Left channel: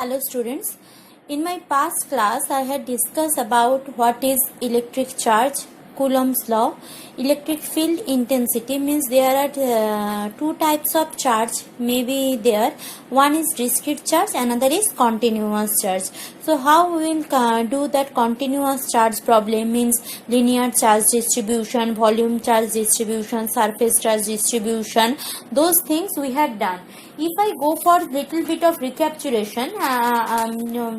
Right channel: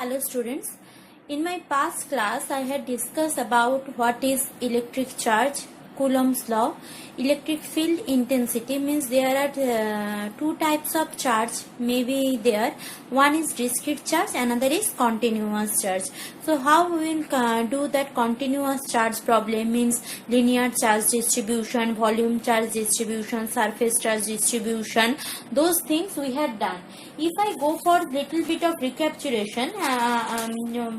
Hello students, in my past class I had discussed about what is electric charge, Coulomb's law. Electric field intensity means there are two types of charge maybe there. One is discrete charge, another is continuous charge. So how we will do that continuous charge problem means linear charge distribution, volume charge distribution, surface charge distribution, those things we had done. If I go for little bit of recapitulation,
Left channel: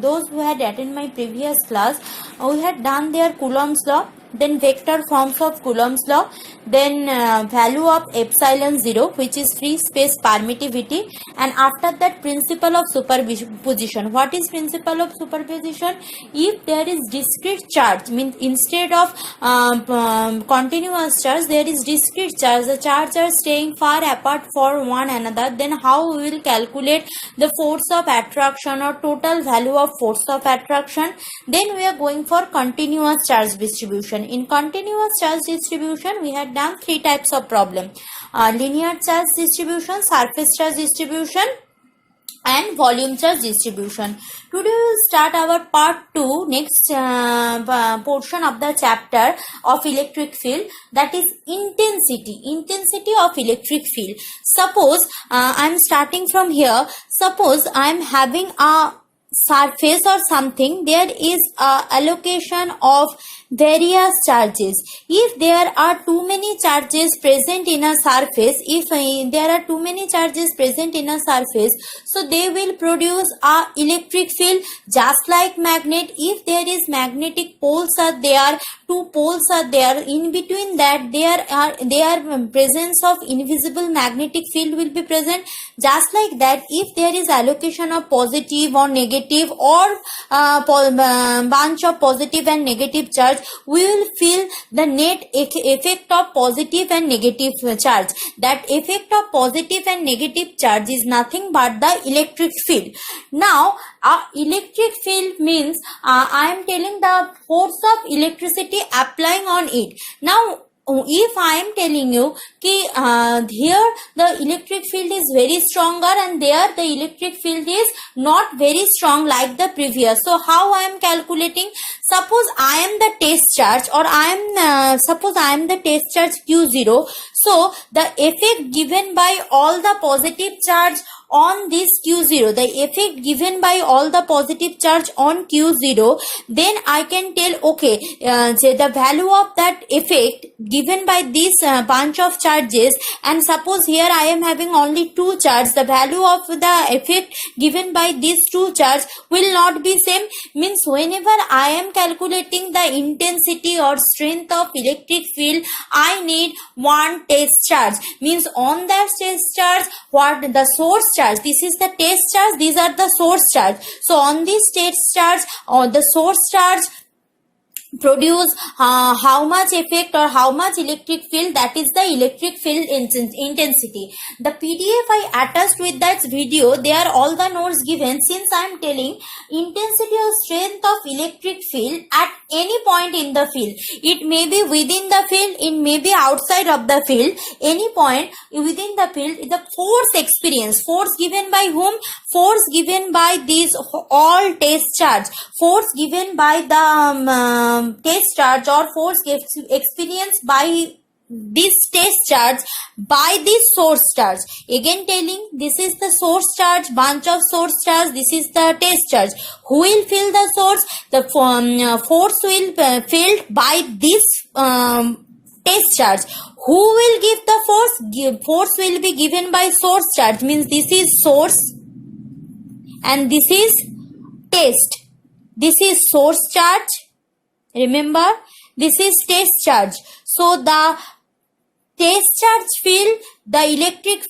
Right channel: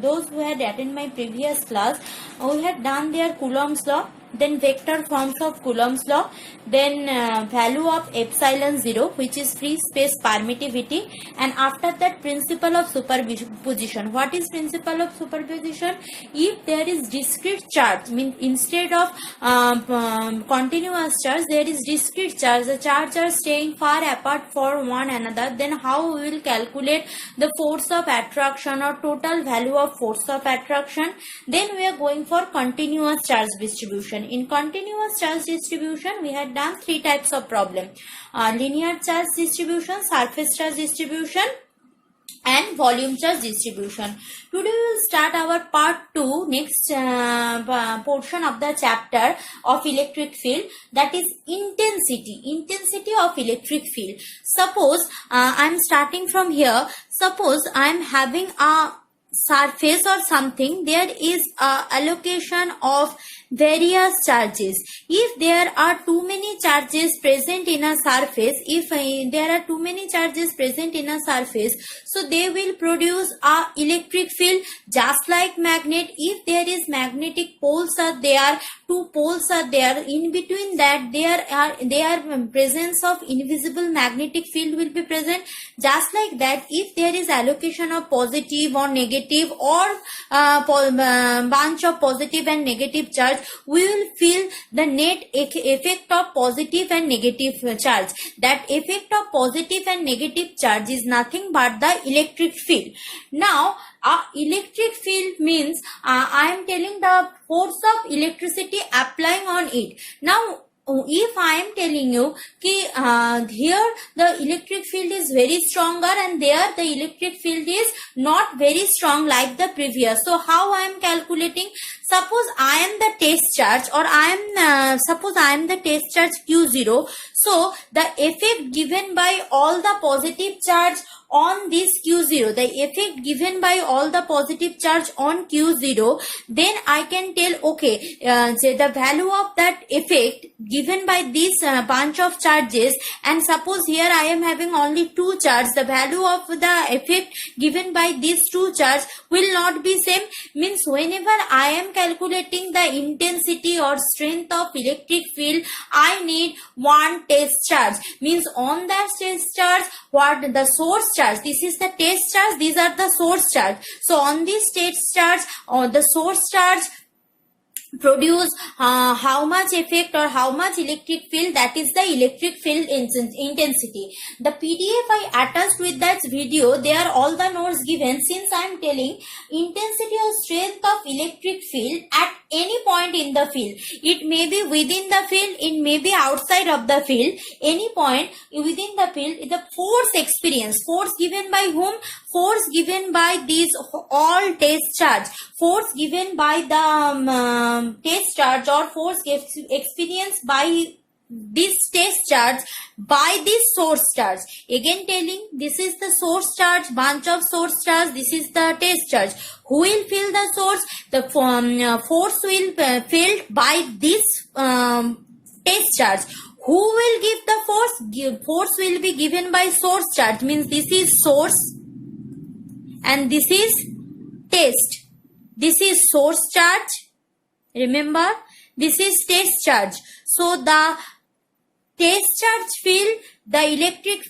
those who had attended my previous class, we had done their Coulomb's law, then vector forms of Coulomb's law, then value of epsilon 0, which is free space permittivity, and after that principle of superposition. What is principle of superposition? If there is discrete charge, means instead of continuous charge there is discrete charge, the charges are staying far apart for one another, then how we will calculate the force of attraction or total value of force of attraction? Then we are going for continuous charge distribution. In continuous charge distribution we had done three types of problem: linear charge distribution, surface charge distribution, and volume charge distribution. Today we will start our part 2, next portion of the chapter of electric field, that is intensity of electric field. Suppose I am starting from here. Suppose I am having a surface or something, there is a allocation of various charges. If there are too many charges present in a surface, so they will produce a electric field just like magnet. If there is magnetic poles are there, two poles are there, in between that there presence of invisible magnetic field will be present. Just like that, if there is allocation of positive or negative or bunch of positive and negative charge, we will feel the net effect of positive and negative charge. That effect of positive and negative charge is nothing but the electric field. Now electric field means I am telling the force of electricity applying on it. Now if I am telling you here the electric field is very stronger and there the electric field is not very strong like the previous, so how I am calculating? Suppose I am the test charge, or suppose I am the test charge Q0. So the effect given by all the positive charge on this Q0, the effect given by all the positive charge on Q0, then I can tell, okay, the value of that effect given by this bunch of charges, and suppose here I am having only two charges, the value of the effect given by these two charges will not be same. Means whenever I am calculating the intensity or strength of electric field, I need one test charge. Means on that test charge, what the source charge, this is the test charge, these are the source charge. So on this test charge or the source charge produce how much effect or how much electric field, that is the electric field intensity. The PDF I attached with that video, they are all the notes given. Since I am telling intensity or strength of electric field at any point in the field, it may be within the field, it may be outside of the field, any point within the field, the force experience, force given by whom? Force given by these all test charge, force given by the test charge, or force experienced by this test charge by this source charge. Again telling, this is the source charge, bunch of source charge, this is the test charge. Who will fill the source? The force will filled by this test charge. Who will give the force? Force will be given by source charge. Means this is source and this is test. This is source charge. Remember, this is test charge. So the test charge field, the electric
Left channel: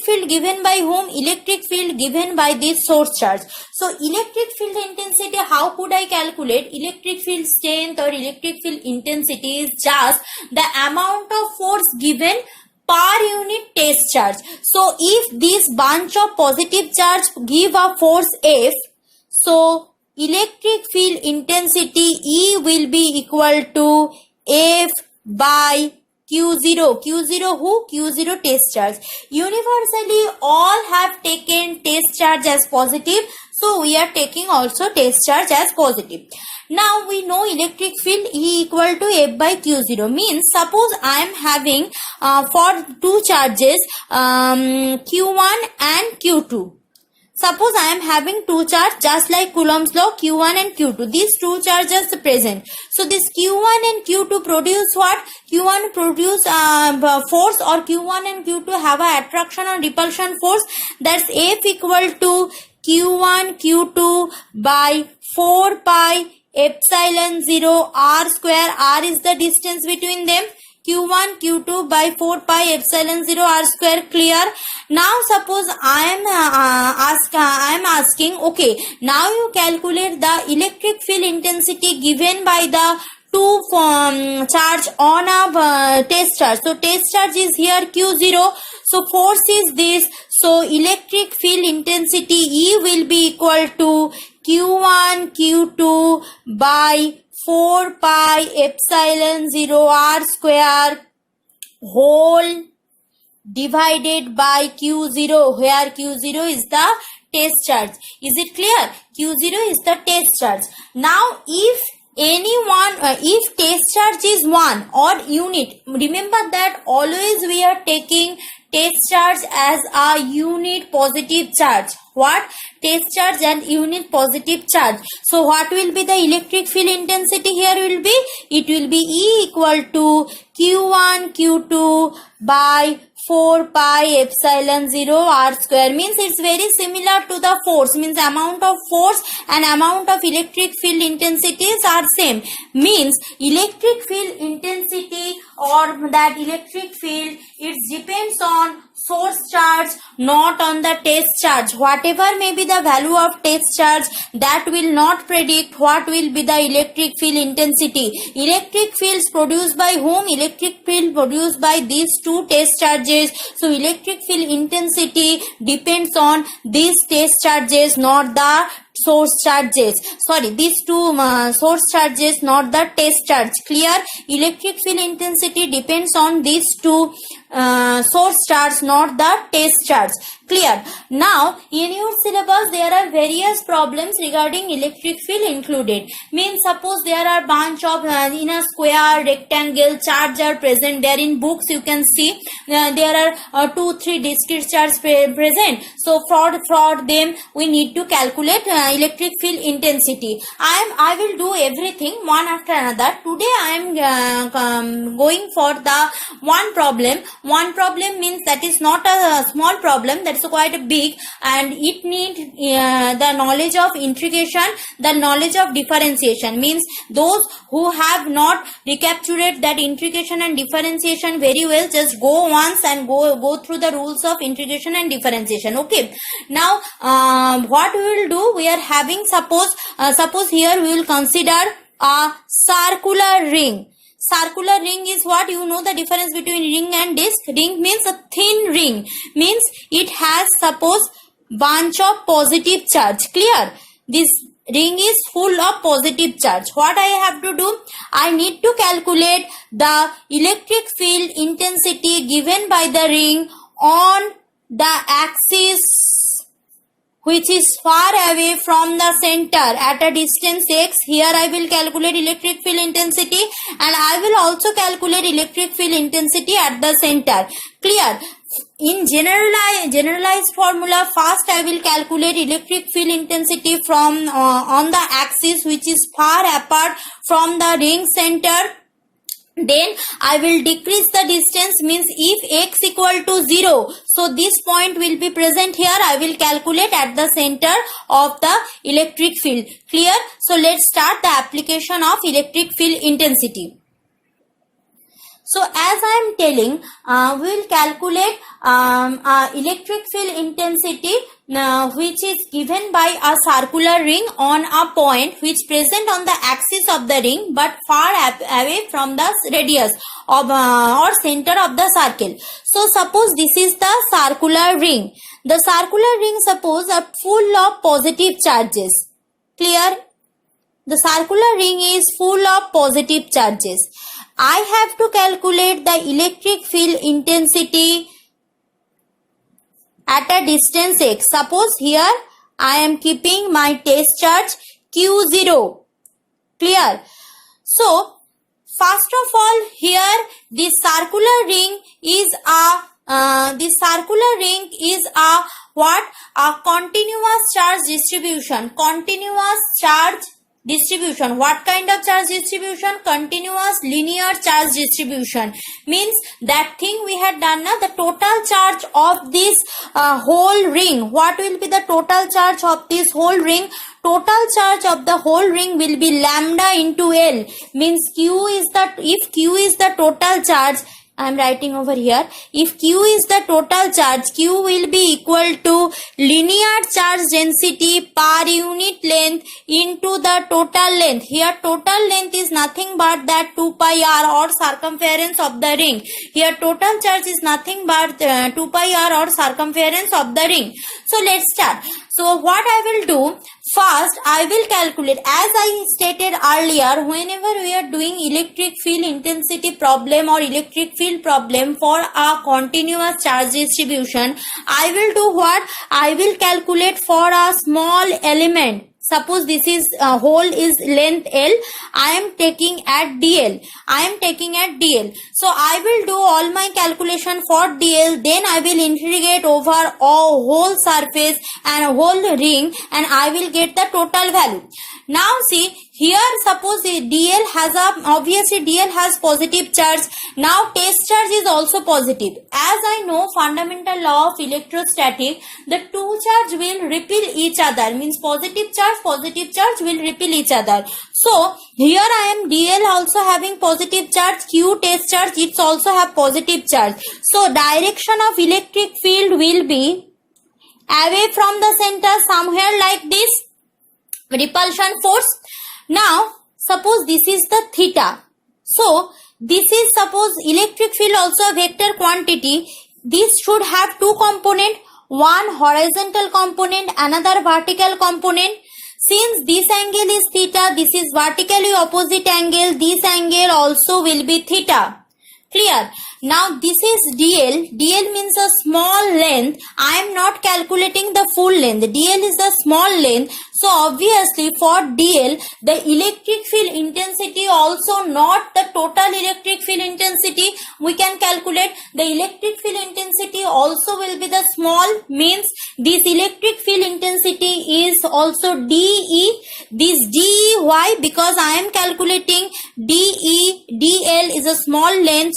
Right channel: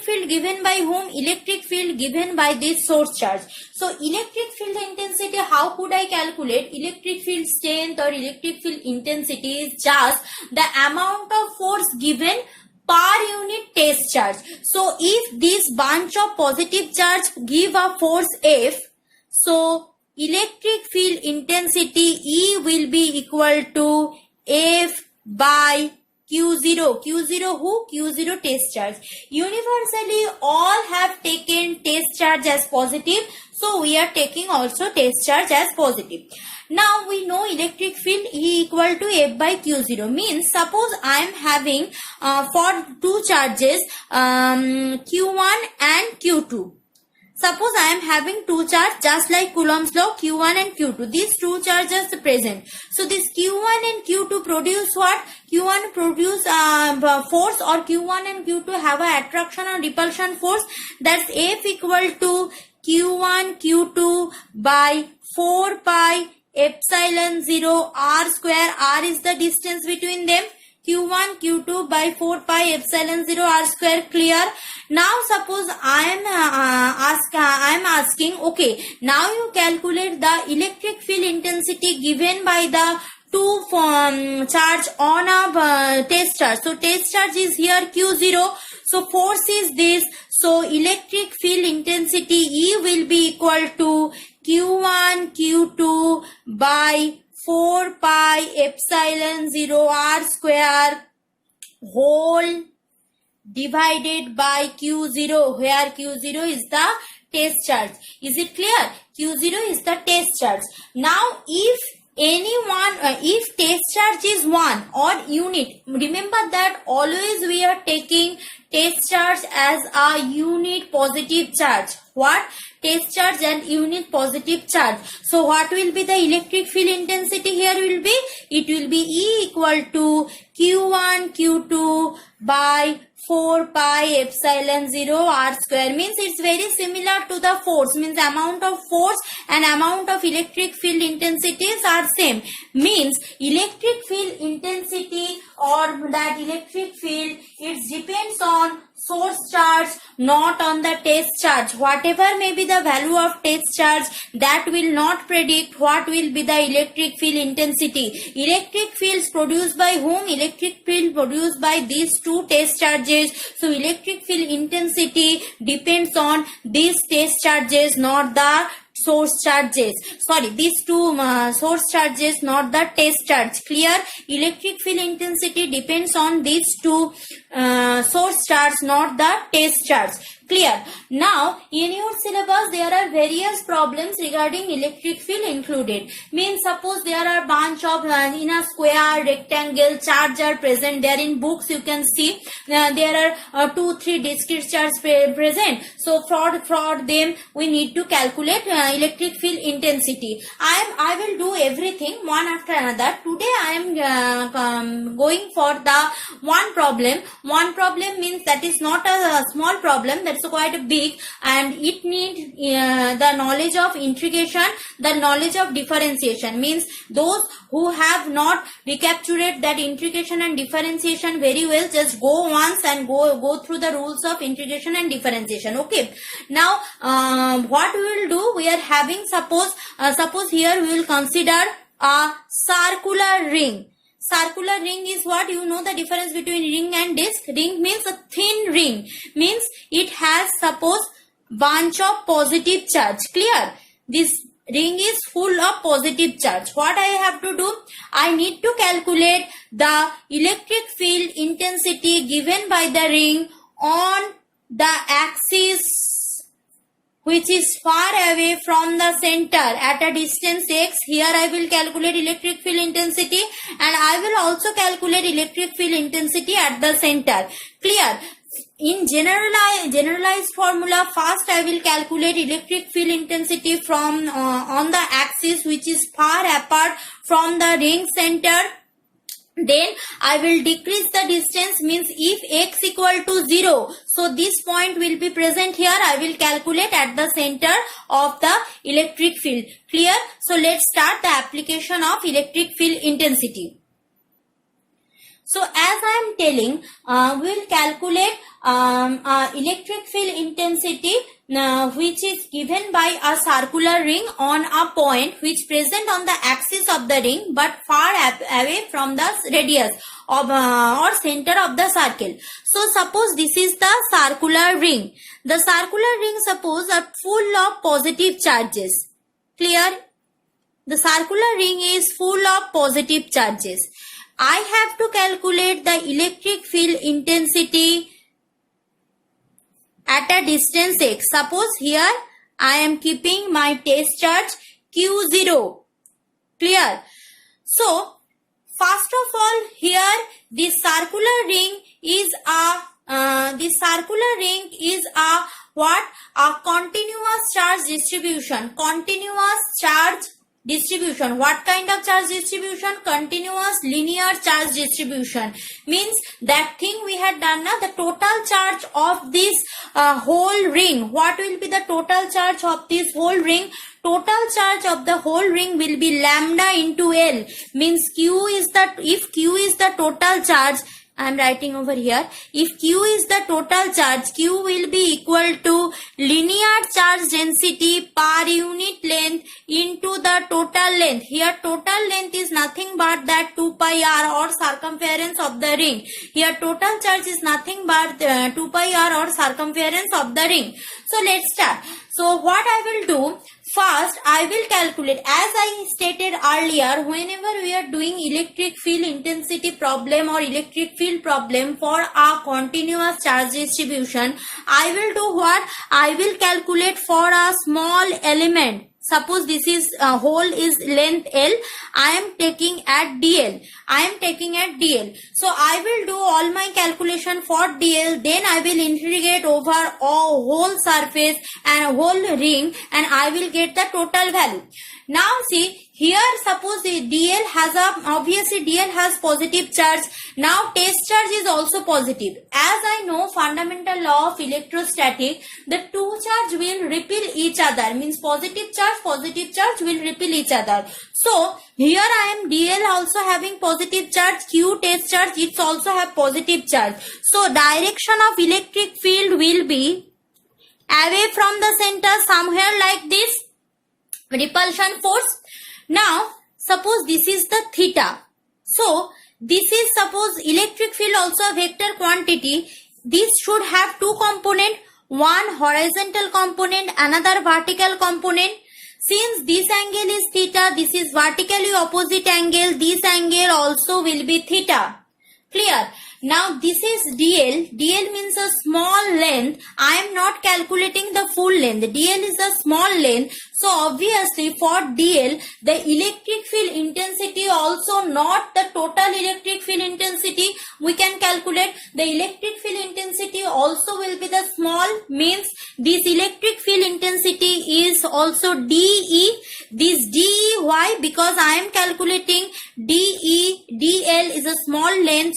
field given by whom? Electric field given by this source charge. So electric field intensity, how could I calculate? Electric field strength or electric field intensity is just the amount of force given per unit test charge. So if this bunch of positive charge give a force F, so electric field intensity E will be equal to F by Q0. Q0 who? Q0 test charge. Universally all have taken test charge charge as positive. So we are taking also test charge as positive. Now we know electric field E equal to F by Q0. Means suppose I am having for two charges Q1 and Q2. Suppose I am having two charges just like Coulomb's law, Q1 and Q2. These two charges are present. So this Q1 and Q2 produce what? Q1 produce force, or Q1 and Q2 have a attraction or repulsion force. That's F equal to Q1 Q2 by 4 pi epsilon 0 r square. R is the distance between them. Q1 Q2 by 4 pi epsilon 0 r square. Clear? Now suppose I am asking, okay, now you calculate the electric field intensity given by the two charge on a test charge. So test charge is here Q0. So force is this. So electric field intensity E will be equal to Q1 Q2 by 4 pi epsilon 0 r square whole divided by Q0, where Q0 is the test charge. Is it clear? Q0 is the test charge. Now if if test charge is 1 or unit, remember that always we are taking test charge as a unit positive charge. What? Test charge and unit positive charge. So what will be the electric field intensity here will be? It will be E equal to Q1 Q2 by 4 pi epsilon 0 r square. Means it's very similar to the force. Means amount of force and amount of electric field intensities are same. Means electric field intensity or that electric field, it depends on source charge, not on the test charge. Whatever may be the value of test charge, that will not predict what will be the electric field intensity. Electric fields produced by whom? Electric field produced by these two test charges. So electric field intensity depends on these test charges, not the source charges. Sorry, these two source charges, not the test charge. Clear? Electric field intensity depends on these two source charge, not the test charge. Clear? Now in your syllabus there are various problems regarding electric field included. Means suppose there are bunch of in a square rectangle charge are present there. In books you can see there are 2-3 discrete charges present. So for them we need to calculate electric field intensity. I will do everything one after another. Today I am going for the one problem. One problem means that is not a small problem, that's quite a big, and it needs the knowledge of integration, the knowledge of differentiation. Means those who have not recaptured that integration and differentiation very well, just go once and go through the rules of integration and differentiation. Okay. Now what we will do, we are having suppose here we will consider a circular ring. Circular ring is what? You know the difference between ring and disc. Ring means a thin ring. Means it has suppose bunch of positive charge. Clear? This ring is full of positive charge. What I have to do? I need to calculate the electric field intensity given by the ring on the axis which is far away from the center at a distance x. Here I will calculate electric field intensity, and I will also calculate electric field intensity at the center. Clear? In generalized formula, first I will calculate electric field intensity from on the axis which is far apart from the ring center. Then I will decrease the distance. Means if x equal to 0, so this point will be present here. I will calculate at the center of the electric field. Clear? So let's start the application of electric field intensity. So as I am telling, we will calculate electric field intensity which is given by a circular ring on a point which present on the axis of the ring but far away from the radius of or center of the circle. So suppose this is the circular ring. The circular ring suppose are full of positive charges. Clear? The circular ring is full of positive charges. I have to calculate the electric field intensity at a distance x. Suppose here I am keeping my test charge Q0. Clear? So, first of all, here the circular ring is what? A continuous charge distribution. Continuous charge distribution. What kind of charge distribution? Continuous linear charge distribution. Means that thing we had done now, the total charge of this whole ring. What will be the total charge of this whole ring? Total charge of the whole ring will be lambda into L. Means if Q is the total charge, I am writing over here. If Q is the total charge, Q will be equal to linear charge density per unit length into the total length. Here total length is nothing but that 2 pi r or circumference of the ring. Here total charge is nothing but 2 pi r or circumference of the ring. So let's start. So what I will do, first I will calculate, as I stated earlier, whenever we are doing electric field intensity problem or electric field problem for a continuous charge distribution, I will do what? I will calculate for a small element. Suppose this is hole is length L. I am taking at DL. So I will do all my calculation for DL. Then I will integrate over a whole surface and a whole ring, and I will get the total value. Now see, here suppose DL has positive charge. Now test charge is also positive. As I know fundamental law of electrostatic, the two charge will repel each other. Means positive charge will repel each other. So here I am DL also having positive charge, Q test charge it's also have positive charge. So direction of electric field will be away from the center somewhere like this. Repulsion force. Now suppose this is the theta. So this is suppose electric field also a vector quantity. This should have two component, one horizontal component, another vertical component. Since this angle is theta, this is vertically opposite angle, this angle also will be theta. Clear? Now this is DL. DL means a small length. I am not calculating the full length. DL is a small length. So obviously for DL, the electric field intensity also not the total electric field intensity. We can calculate the electric field intensity also will be the small, means this electric field intensity is also DE. This DE, why? Because I am calculating DL is a small length,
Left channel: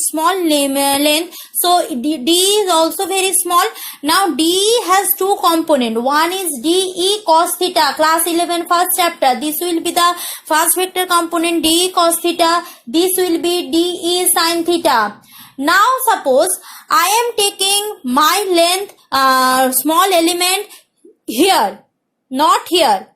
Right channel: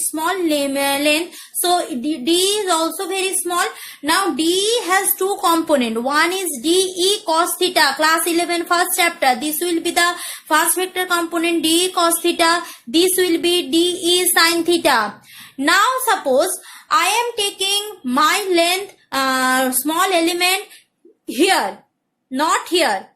so DE is also very small. Now DE has two components. One is DE cos theta, class 11 first chapter. This will be the first vector component, DE cos theta. This will be DE sin theta. Now suppose I am taking my length, small element here, not here.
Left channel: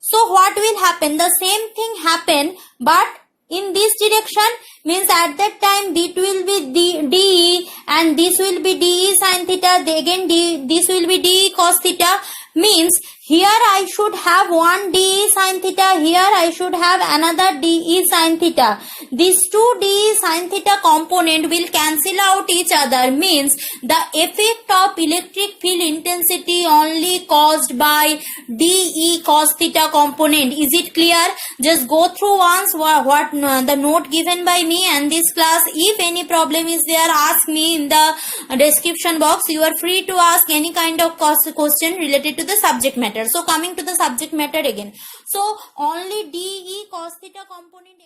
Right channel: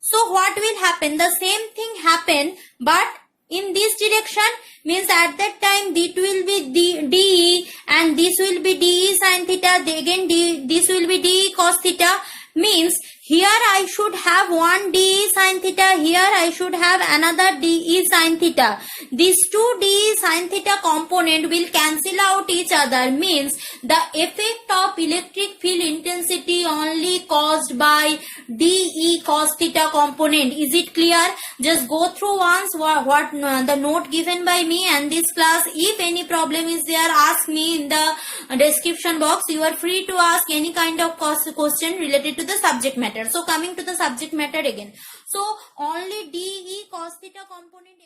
So what will happen? The same thing happen, but in this direction, means at that time it will be DE and this will be DE sin theta, again this will be DE cos theta. Means here I should have one DE sin theta, here I should have another DE sin theta. These two DE sin theta component will cancel out each other. Means the effect of electric field intensity only caused by DE cos theta component. Is it clear? Just go through once what the note given by me and this class. If any problem is there, ask me in the description box. You are free to ask any kind of question related to the subject matter. So coming to the subject matter again. So only DE cos theta component.